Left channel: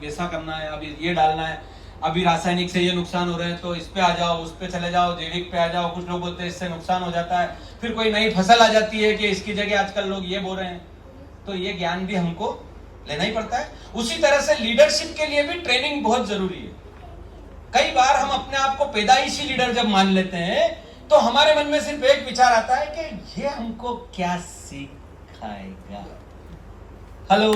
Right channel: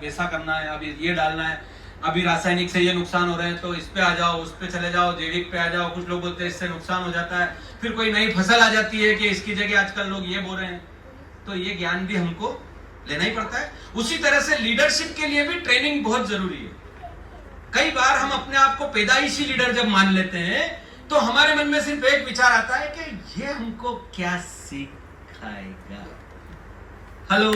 वैसा करना है, अभी ये डालना है, अभी रासायनिक से ये नुकसान हो रहे हैं तो इस पे आ जाओ, उस पे चले जाओ, जैविक पे आ जाओ। कुछ लोग बोलते हैं इससे नुकसान हो जाता है, फिर कोई नई फसल आ जाती है कि इसकी जगह आजकल लोग ये बोल रहे हैं। तो ये ज्ञान भी हमको लेना ही पड़ता है। उसी तरह से लीडरशिप के लिए भी ट्रेनिंग बहुत जरूरी है। कई बार हम अपने आप को पैदाइशी लीडर जब मान लेते हैं तो हमारे मन में सिर्फ एक विचार आता है कि ये हमको क्या सिखाएगा। हेलो,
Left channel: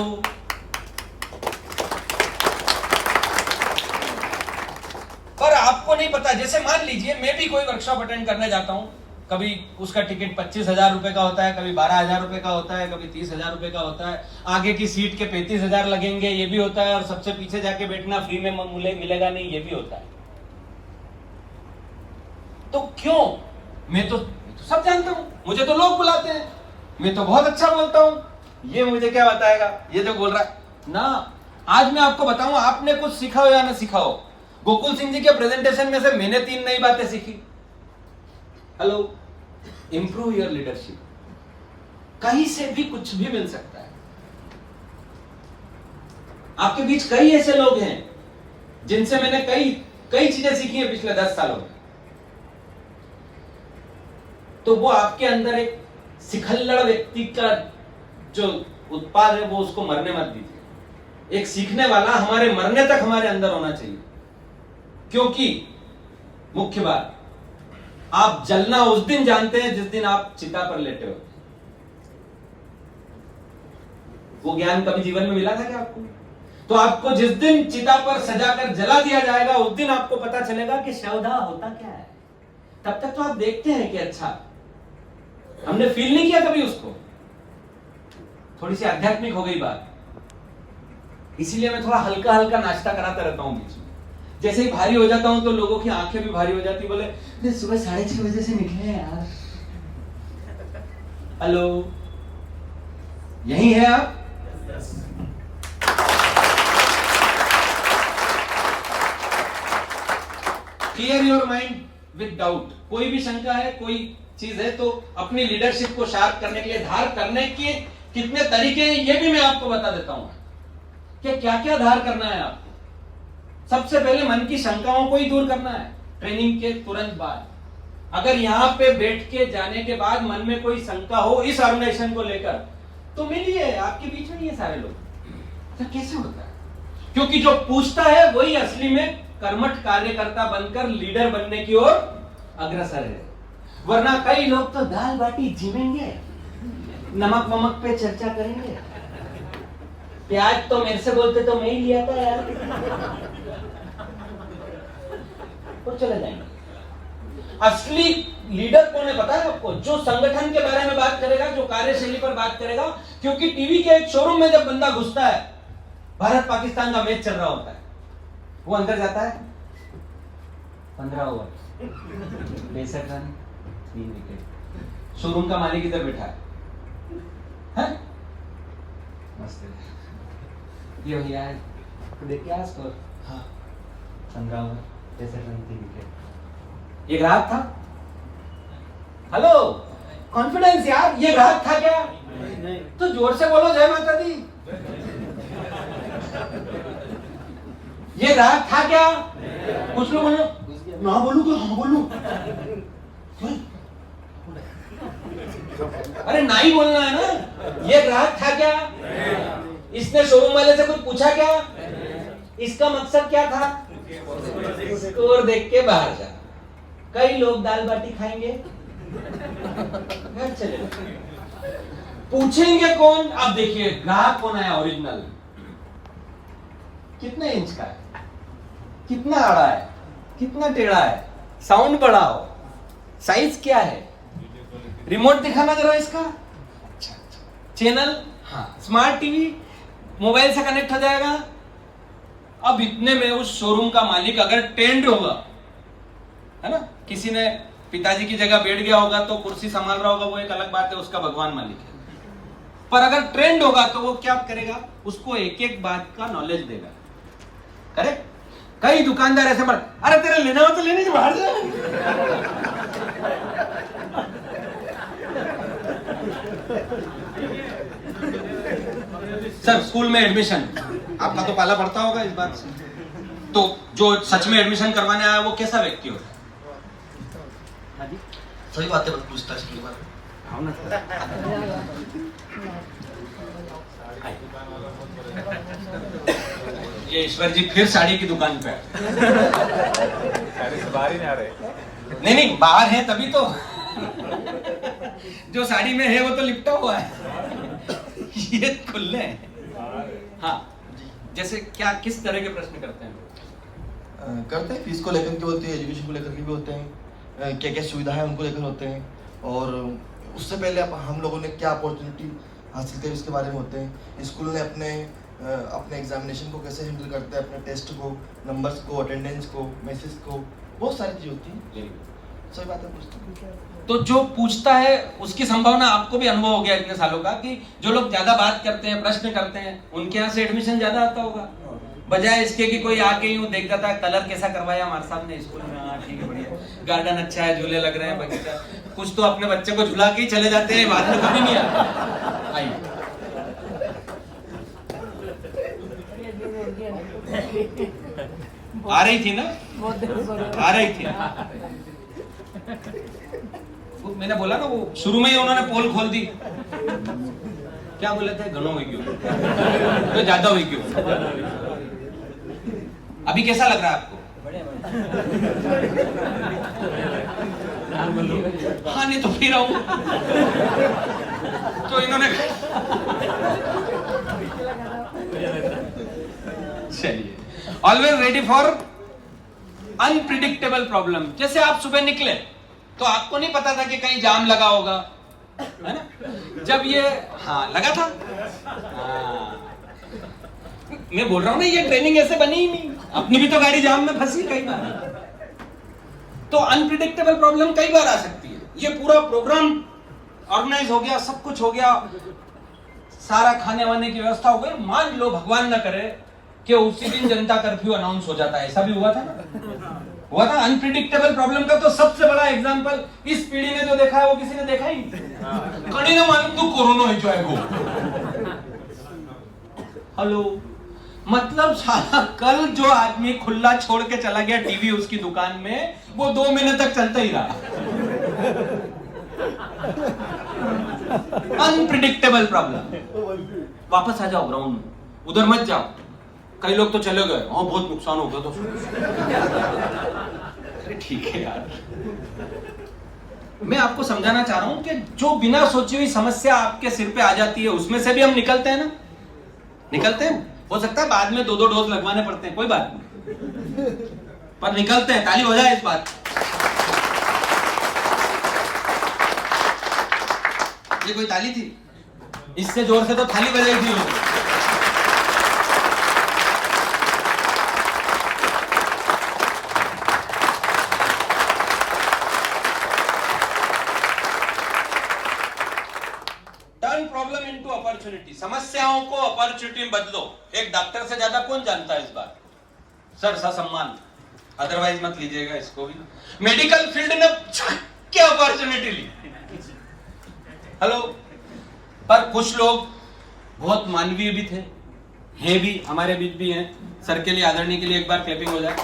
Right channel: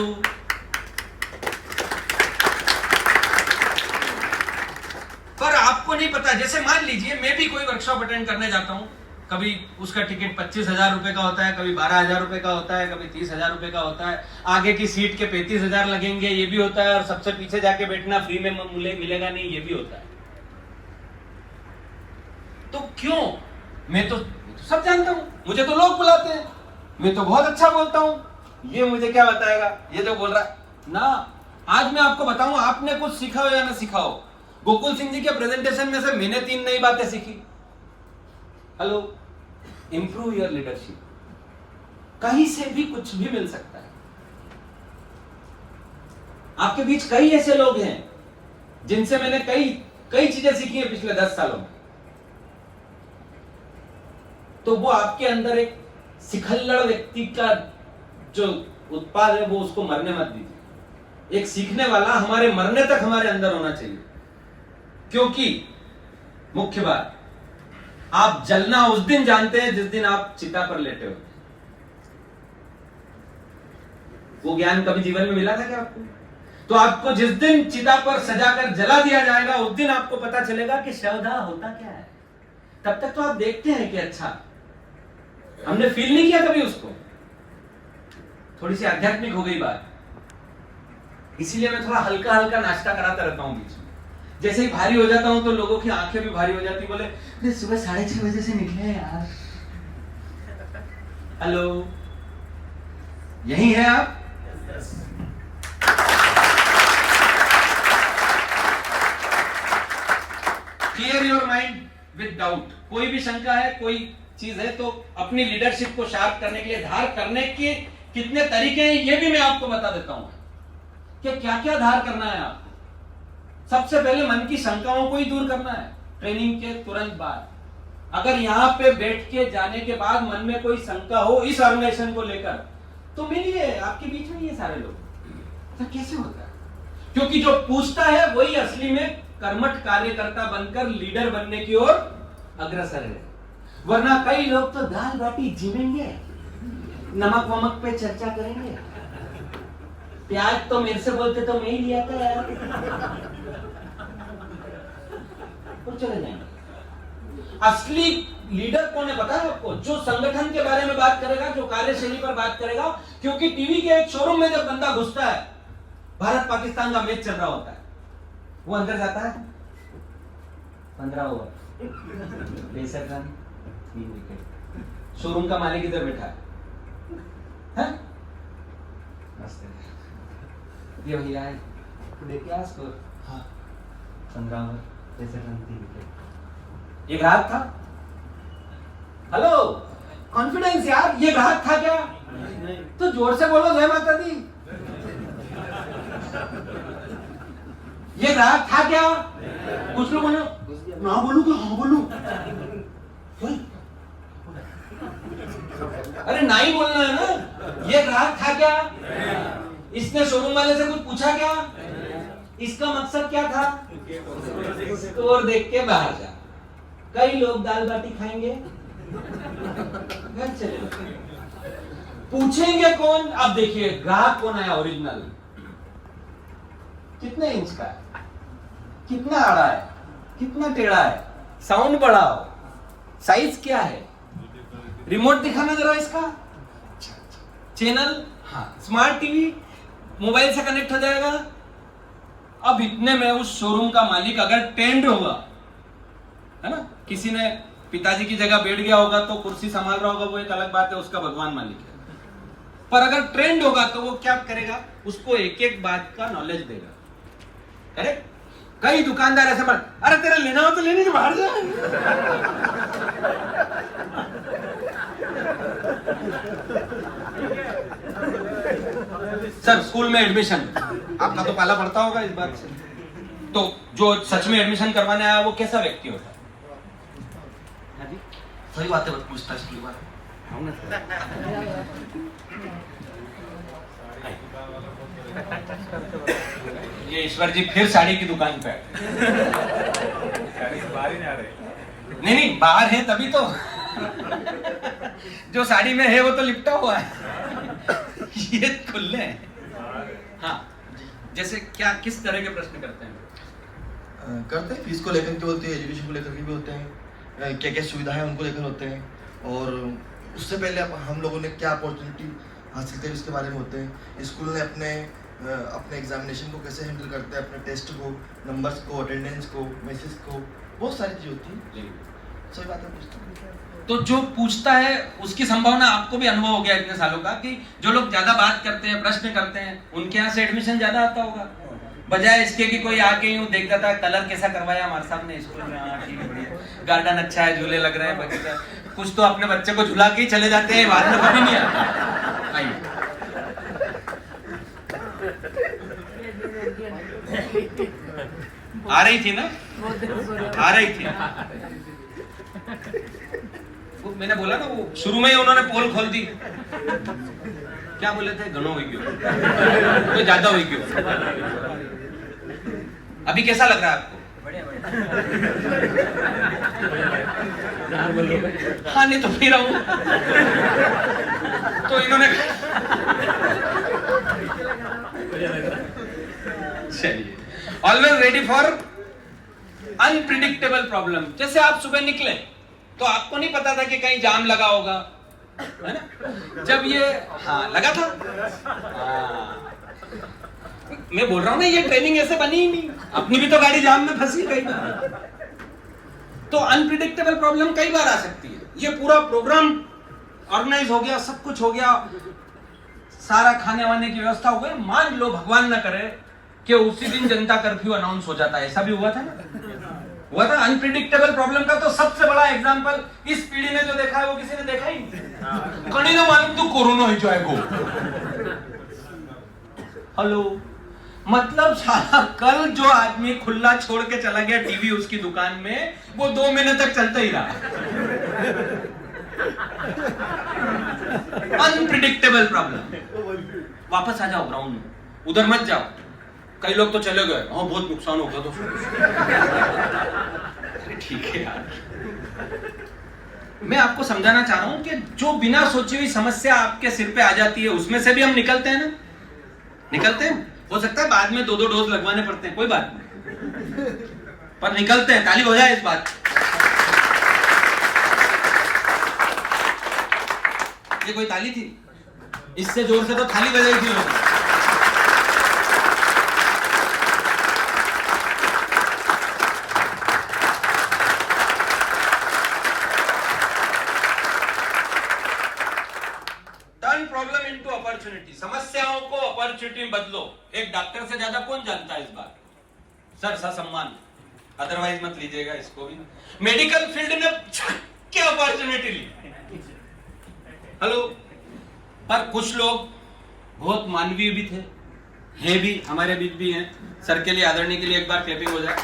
पर आपको नहीं पता। जैसे मान लीजिए मैं भी कोई वर्कशॉप अटेंड करने जाता हूं, कभी उसका टिकट 25,000 रुपए का होता है, कभी 12,000 रुपए का होता है, कभी 30,000 रुपए का होता है, आगे की सीट के 35,000 लगेंगे, ये भी होता है, और सबसे पीछे जाके बैठना फ्री में मिलेगा नहीं, ये भी होता है। तो क्यों? मैं तो सब जानता हूं, मुझे तो लोग बुलाते हैं, मैं तो बहुत अच्छा बोलता हूं, ये मुझे क्या बताएगा ये जो बोल रहा है ना। आज मैं आपको बताऊं, आपने कुछ सीखा हो या ना सीखा हो, गोकुल सिंह जी के प्रेजेंटेशन में से मैंने 3 नई बातें सीखी। Hello, improve your leadership. कहीं से भी कुछ भी मिल सकता है। आपके बीच कई ऐसे लोग हैं जिनसे मैंने कई चीजें सीखी हैं पिछले 10 सालों में। तो वो आपके अंदर एक सिखल्लड़ व्यक्ति का जो उत्पाद है वो उसको मरने मत दीजिए। एक सीखने वाला हमारे मरने तक हमारे अंदर होना चाहिए। क्योंकि मुख्य बात, आप जलना उस दिन जानते हैं जिस दिन आप चिता पर लेटे हो। वो ज्ञान कभी जीवन में मिला था क्या आपको? तो आपको जिस दिन चिता पर सजाकर जला दिया जाएगा उस दिन आपको पता चलेगा कि शवदाह होता क्या है। तब तक तो आप देखते हैं कि अच्छा, हमने फील नहीं किया कभी उसको। थोड़ी सी आध्यात्मिक हो गई बात, इसीलिए मैं थोड़ा हल्का हल्का नाश्ता कराता रहता हूं बीच में। जैसे ही भारी हो जाता हूं तो लोगों की आंखें भी भारी हो जाती, बोले सुबह 6:30 बजे से निकले हैं यार। हेलो, यही है आप? Clear your mind with doubt. कोई भी शंका है, कोई चीज है, तो अपनी लीडरशिप को शार्प करने के लिए धार करने के कितने तरीके हैं ये भी मैं आपको बता देता हूं कि क्या क्या धार करना है आपको। सबसे पहले मन की शंकाओं को ही दूर करना है ट्रेनिंग के तुरंत बाद। अगर यहां पे बैठ के जाने के बाद मन में कोई शंका हो इस ऑर्गेनाइजेशन को लेकर, तो मिलिए, आपके बीच में नहीं है सारे लोग। तो कैसे होता है? क्योंकि जो पूछता है वही असली में कर्मठ कार्यकर्ता बनकर लीडर बनने की ओर अग्रसर है। वरना कई लोग तो दाल बाटी जिमेंगे, नमक वमक पे चर्चा करेंगे। प्याज तो मेरे से बोलते तो मैं ही लिया था यार, और चले जाएंगे। असली लीडर कौन है पता है आपको? जो संगठन के बारे में बात करेगा, जो कार्यशैली पर बात करेगा। क्योंकि टीवी के एक शोरूम में जब बंदा घुसता है, भारत पाकिस्तान का मैच चल रहा होता है, वो अंदर जाता है, 15 ओवर, 63 रन, 3 विकेट। शोरूम का मालिक इधर बैठा है, मस्त है, ये भैया है, तो देखिए आज स्कोर, हाँ 15 ओवर, 63 रन, 3 विकेट। ये ग्राहक था? हेलो, कॉन्फिडेंस यार, ये ग्राहक था क्या? नहीं। तो जोर से बोलो जय माता दी। ये ग्राहक था क्या? कुछ लोग बोलो ना, बोलू तो हाँ बोलू। अरे ना ही बोलना है ना। ये ग्राहक था क्या? इसने शोरूम वाले से कुछ पूछा क्या? इसका मकसद क्या था? स्कोर देख के बाहर जा। कई लोग दाल बाटी खाएंगे, घर चले पूछेंगे कौन? अब देखिए ग्राहक कौन है ओरिजिनल, कितने इंच का है, कितना आड़ा है, कितना टेढ़ा है, साउंड बढ़ाओ, साइज क्या है, रिमोट दिखाना जरा इसका, चैनल, हाँ स्मार्ट टीवी, मोबाइल से कनेक्ट हो जाएगा। अब इतने में उस शोरूम का मालिक अगर ट्रेंड होगा, है ना, किसी ने पिताजी की जगह बैठ गया होगा तो कुर्सी संभाल रहा होगा, वो एक अलग बात है, उसका भगवान मालिक है। पर अगर ट्रेंड होगा तो वो क्या करेगा? उसको एक एक बात का नॉलेज देगा। करेक्ट? कई दुकानदार ऐसे बोल, अरे तेरा लेना हो तो लेने के बाहर जा। सर स्कूल में एडमिशन आपका तो पाला पड़ता होगा इस बात से, तो जो सच में एडमिशन करवाने आया वो कैसा व्यक्ति होता है? हाँ जी सही बात है, पूछताछ की बात। ये ईश्वर जी फिर साड़ी की दुकान पे नहीं बाहर है तभी तो जो साड़ी में है वो तो लिपटा हुआ है ये खुले हैं। हाँ जैसे क्या किस तरह के प्रश्न करते हैं? फीस को लेकर के होते हैं, एजुकेशन को लेकर के भी होते हैं, क्या क्या सुविधाएं उनको लेकर होते हैं, और उससे पहले हम लोगों ने क्या अपॉर्चुनिटी हासिल करी उसके बारे में होते हैं। स्कूल ने अपने एग्जामिनेशन को कैसे हैंडल करते हैं, अपने टेस्ट को, नंबर्स को, अटेंडेंस को, मैसेज को, बहुत सारी चीज़ होती है। सही बात है, पूछता तो जो पूछता है उसकी संभावना, आपको भी अनुभव हो गया इतने सालों का कि जो लोग ज्यादा बात करते हैं, प्रश्न करते हैं, उनके यहाँ से एडमिशन ज्यादा आता होगा, बजाय इसके कि कोई आके यूं देखता था कलर कैसा करवाया हमारे साहब ने स्कूल में, हाँ ठीक है बढ़िया, गार्डन अच्छा है, झूले लग रहे हैं, बगीचा, कुछ तो अपने बच्चे को झुला के ही चले जाते हैं, बाद में कभी नहीं आता। आइए आ रही थी ना, आ रही थी। मैंने बोला ना वो शुरू में ही उन्होंने पोल खोल दी, क्या बोले थे, घणो हुई क्यों, तो ज्यादा हुई क्यों। अभी कैसा लग रहा है आपको? हाँ नहीं तो फिर आऊं तो इन्होंने चलिए, always ready for unpredictable problem. जैसे आप सुबह निकले तो आपको नहीं पता था कि कहीं जाम लगा होगा, है ना? जब ये हाँ लगा था, मैं बोल रहा हूं ना, ये ट्रेनिंग ऐसे बनी ही नहीं, अपनी भी तो गाड़ी जाम में फंसी कई बार। तो अनप्रिडिक्टेबल प्रॉब्लम कई बार आ सकती है। ये पूरा प्रोग्राम ऑर्गेनाइज हो गया, सब कुछ हो गया, सारा खाने वाने की व्यवस्था हो गई, मान लो भगवान ना करे कि उसी दिन जनता कर्फ्यू अनाउंस हो जाता है, ऐसा भी हुआ था ना, हुआ था। अनप्रिडिक्टेबल प्रॉब्लम का तो सबसे बड़ा एग्जांपल इस पीढ़ी ने जो देखा है वो किसी ने देखा ही नहीं। कड़ी ना मालूम तो कोरोना ही जाएगा। हेलो, मतलब साला कल जो आदमी खुला छोड़ के चला गया टीवी उसकी दुकान में, वो 2 महीने तक चलता ही रहा। Unpredictable problem. वापस आ जाओ ग्राउंड में, उधर मत जाओ। कई लोग तो चले गए, हाँ बहुत नुकसान हो गया तो अरे ठीक है यार, मैं आपको समझाना चाह रहा हूं कि जो बिना सोची हुई समस्या आपके सिर पे आ जाती है उसमें से भी हम निकलते हैं ना, निकलते हैं। हो सकता है बाद में 2-2 डोज लगवाने पड़ते हैं, कोई बात नहीं, पर निकलते हैं। ताली हो जाए इस बात। ये कोई ताली थी? इससे जोर से तो थाली बजाई थी लोगों। प्रॉब्लम इनटू अपॉर्चुनिटी, समस्याओं को अपॉर्चुनिटी में बदलो। एक डॉक्टर से ज्यादा कौन जानता है इस बात? सर सम्मान, अदरवाइज मत लीजिएगा इसको भी। मेडिकल फील्ड ने क्या अपॉर्चुनिटी ली। हेलो, पर कुछ लोग बहुत मानवीय भी थे, हैं भी, हमारे बीच भी हैं। सर के लिए, आदरणीय के लिए एक बार क्लैपिंग हो जाए।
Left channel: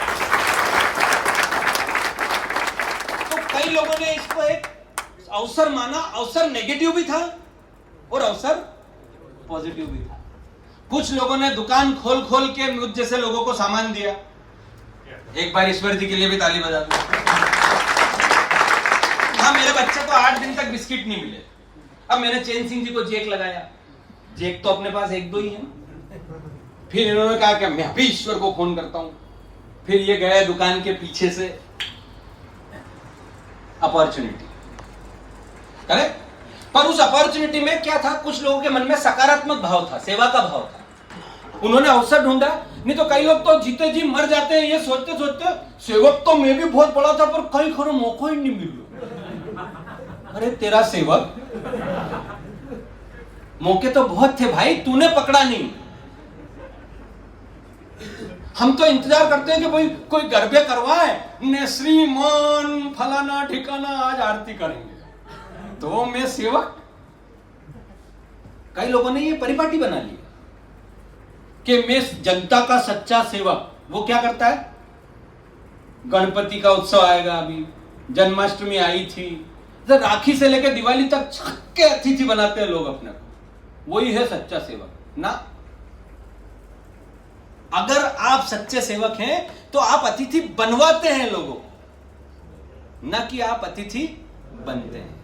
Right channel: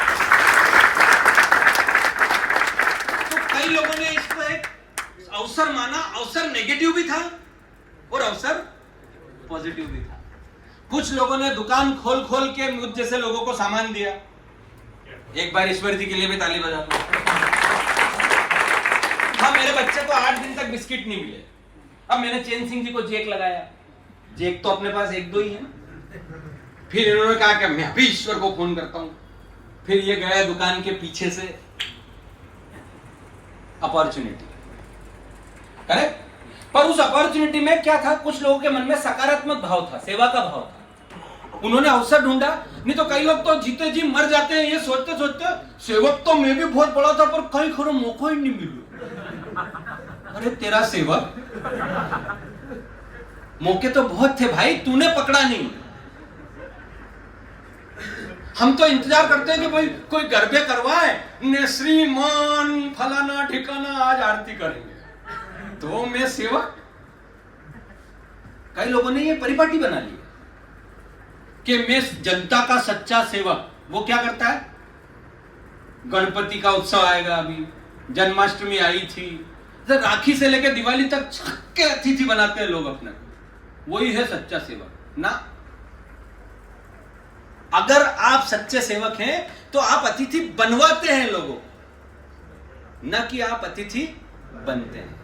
तो कई लोगों ने इसको एक अवसर माना। अवसर नेगेटिव भी था और अवसर पॉजिटिव भी था। कुछ लोगों ने दुकान खोल खोल के मुझ जैसे लोगों को सामान दिया। एक बार ईश्वर जी के लिए भी ताली बजा दो। हाँ, मेरे बच्चे को 8 दिन तक बिस्किट नहीं मिले। अब मैंने चैन सिंह जी को जेक लगाया। जेक तो अपने पास 1-2 ही है। फिर इन्होंने कहा कि मैं अभी ईश्वर को फोन करता हूं। फिर ये गए दुकान के पीछे से। Opportunity, correct. पर उस अपॉर्चुनिटी में क्या था, कुछ लोगों के मन में सकारात्मक भाव था, सेवा का भाव था। उन्होंने अवसर ढूंढा। नहीं तो कई लोग तो जीते जी मर जाते हैं ये सोचते सोचते, सेवक तो मैं भी बहुत बड़ा था पर कहीं खरो मौका ही नहीं मिला। अरे तेरा सेवक, मौके तो बहुत थे भाई, तूने पकड़ा नहीं। हम तो इंतजार करते हैं कि भाई कोई घर पे करवाए, ने श्रीमान फलाना ठिकाना आज आरती करेंगे तो मैं सेवक। कई लोगों ने ये परिपाटी बना ली। कि मैं जनता का सच्चा सेवक, वो क्या करता है? गणपति का उत्सव आएगा, अभी जन्माष्टमी आई थी, तो राखी से लेकर दिवाली तक छक्के अतिथि बनाते हैं लोग अपने को, वही है सच्चा सेवक ना। अगर आप सच्चे सेवक हैं तो आप अतिथि बनवाते हैं लोगों, न कि आप अतिथि बनते हैं।